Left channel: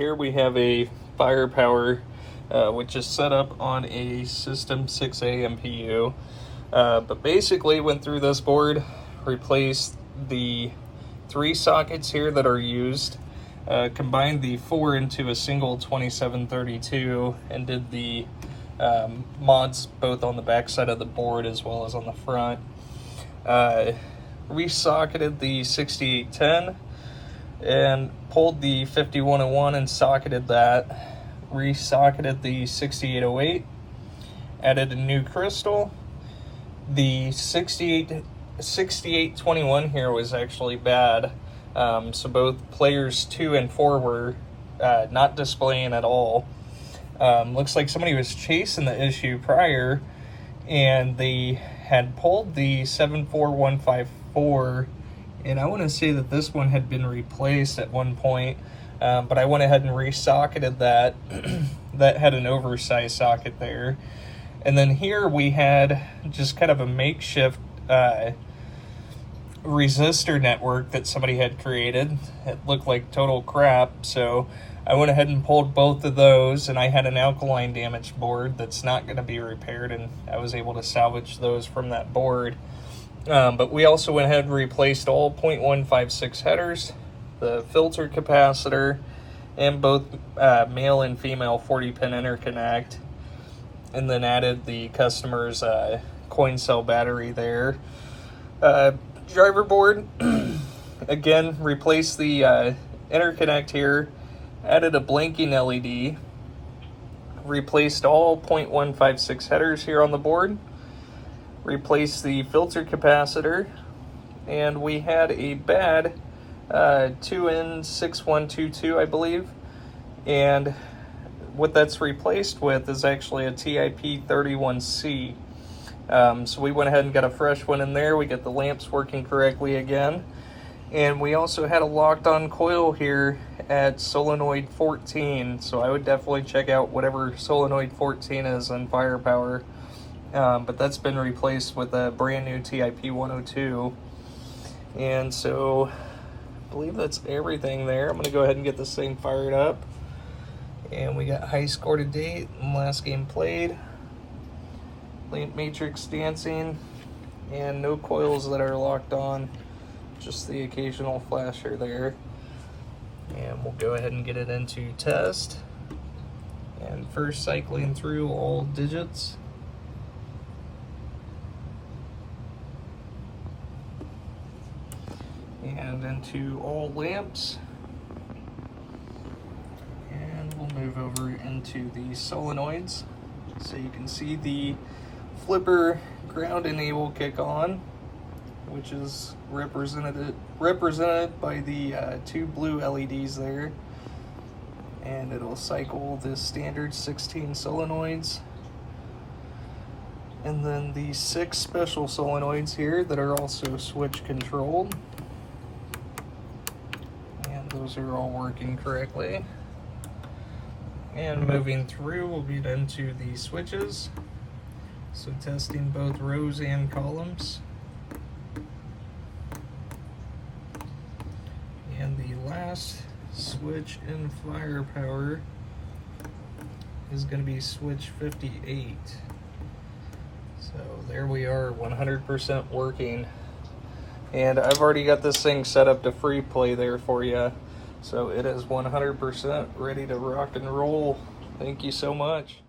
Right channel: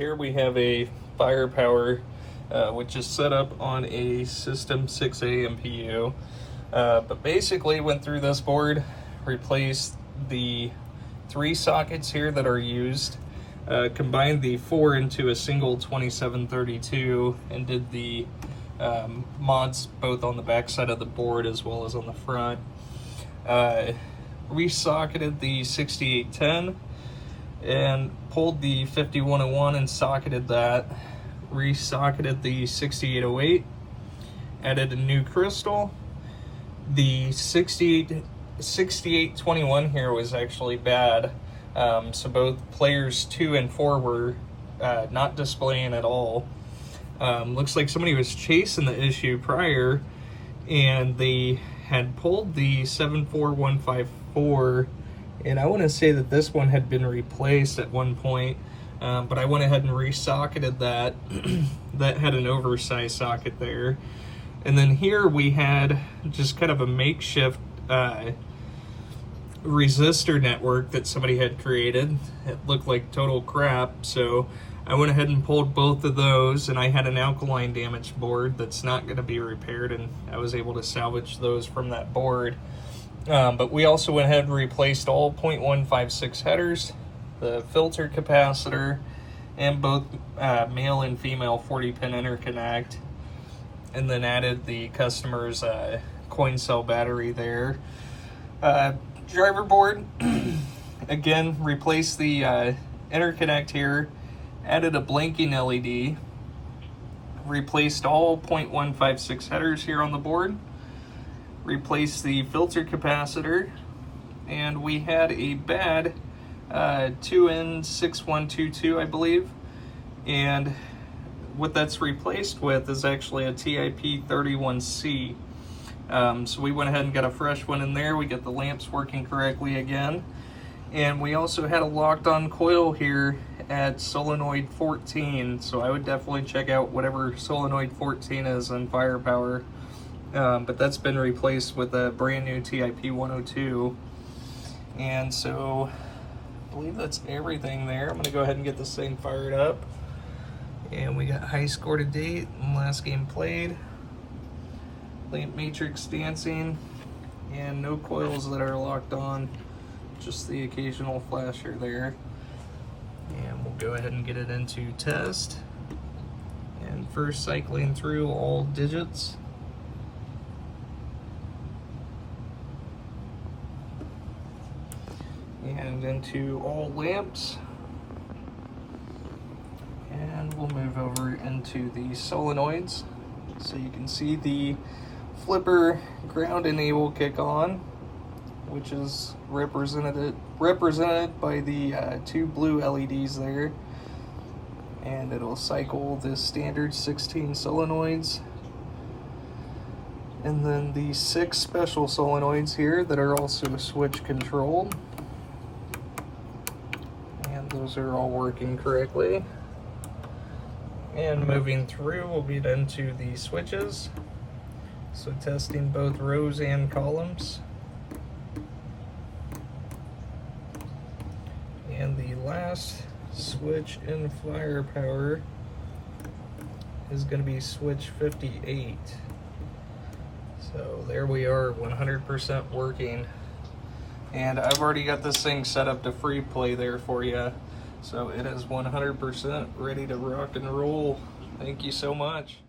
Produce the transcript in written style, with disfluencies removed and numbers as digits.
here we have a Firepower which is set up on a System 6A MPU. But basically went through this board, replaced the 3 sockets here that are used, combined the 4 into a single 2732, and did the mods both on the back side of the board as well as on the front. Resocketed the 6810 and pulled the 5101 and socketed that. Resocketed the 6808, added a new crystal. The 6821 here was actually bad, so both players 2 and 4 were not displaying at all. Looks like somebody was chasing the issue prior, and they had pulled the 74154, and I want to say that this one had been replaced at one point, but I went ahead and resocketed that. That had an oversized socket there. And then here we had just kind of a makeshift resistor network that somebody had created. It looked like total crap, so I went ahead and pulled both of those, and I had an alkaline damaged board that's not going to be repaired, and I was able to salvage those from that board. But we also went ahead and replaced all 0.156 headers, the filter capacitor, and both male and female 40-pin interconnect, and then added the customer's coin cell battery there. Driver board, again, replaced the interconnect here, added a blinking LED, replaced all 0.156 headers here on the board, replaced the filter capacitor, and we had a bad 2N6122, I believe, and what that's replaced with is actually a TIP31C. So we went ahead and got a fresh one in there. We got the lamps working correctly again, and we also had a locked on coil here at solenoid 14, so I would definitely check out whatever solenoid 14 is in Firepower. But that's been replaced with a brand new TIP102, and so I believe that's everything there. I'm gonna go ahead and get this thing fired up, and we got high score to date and last game played, lamp matrix dancing, and no coils that are locked on, just the occasional flasher there. And we'll go ahead and get it into test, and first cycling through all digits. And into all lamps, and we'll move over into the solenoids, so you can see the flipper ground enable kick on, which is represented by the 2 blue LEDs there, and it'll cycle the standard 16 solenoids, and then the 6 special solenoids here that are also switch controlled. Those are all working correctly. And moving through, we'll get into the switches. So testing both rows and columns. And the last switch in Firepower is going to be switch 58. So there we are, 100% working. And I've already got this thing set up to free play there for you. So it is 100% ready to rock and roll. Thank you so much.